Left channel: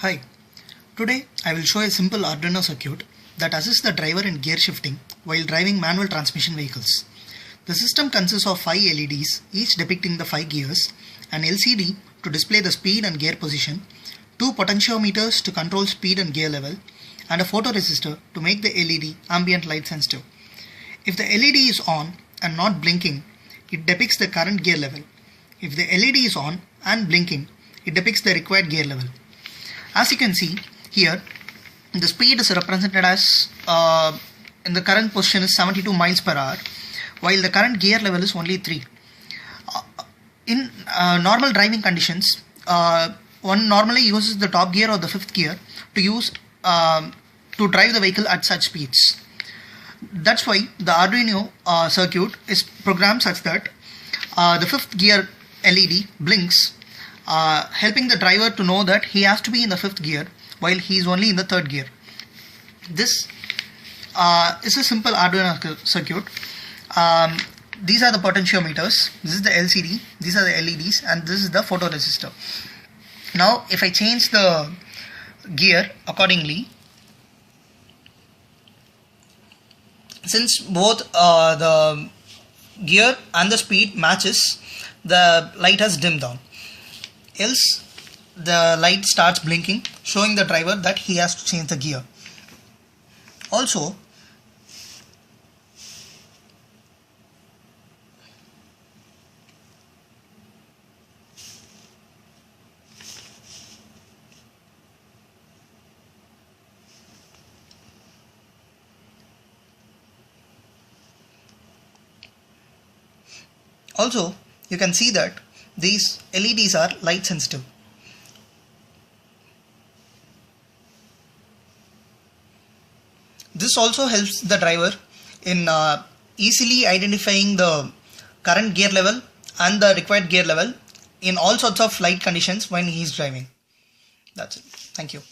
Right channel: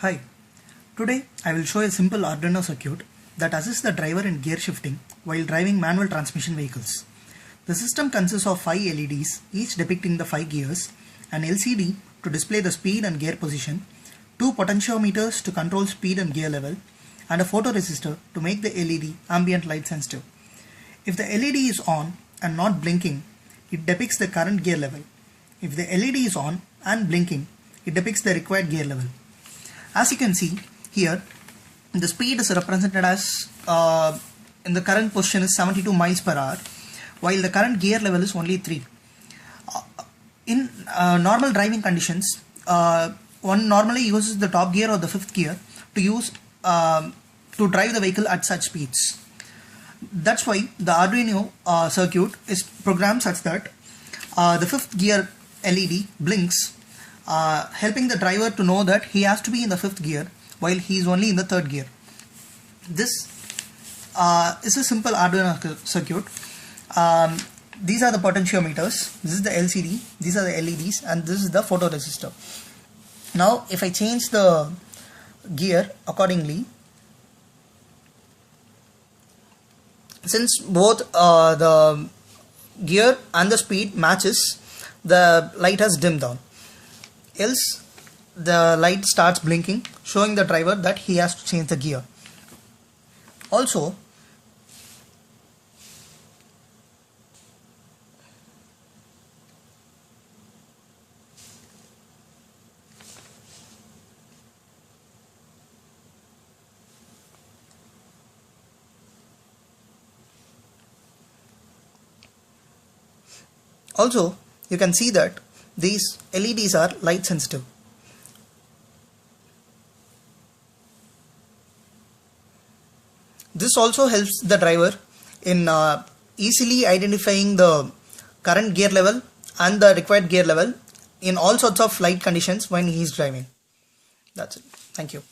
Hi, today I will show a simple Arduino circuit that assists the driver in gear shifting while driving manual transmission vehicles. The system consists of 5 LEDs, each depicting the 5 gears, an LCD to display the speed and gear position, 2 potentiometers to control speed and gear level, and a photoresistor to make the LED ambient light sensitive. If the LED is on and not blinking, it depicts the current gear level. If the LED is on and blinking, it depicts the required gear level. As you can see here, the speed is represented as in the current position is 72 miles per hour, while the current gear level is only 3. In normal driving conditions, one normally uses the top gear or the 5th gear to drive the vehicle at such speeds. That's why the Arduino circuit is programmed such that the 5th gear LED blinks, helping the driver to know that he has to be in the 5th gear while he is only in the 3rd gear. This is a simple Arduino circuit. These are the potentiometers, this is the LCD, these are the LEDs, and this is the photoresistor. Now if I change the gear accordingly, since both the gear and the speed matches, the light has dimmed down. Else the light starts blinking, showing the driver that he has to change the gear. Also, you can see that these LEDs are light sensitive. This also helps the driver in easily identifying the current gear level and the required gear level in all sorts of light conditions when he is driving. That's it. Thank you.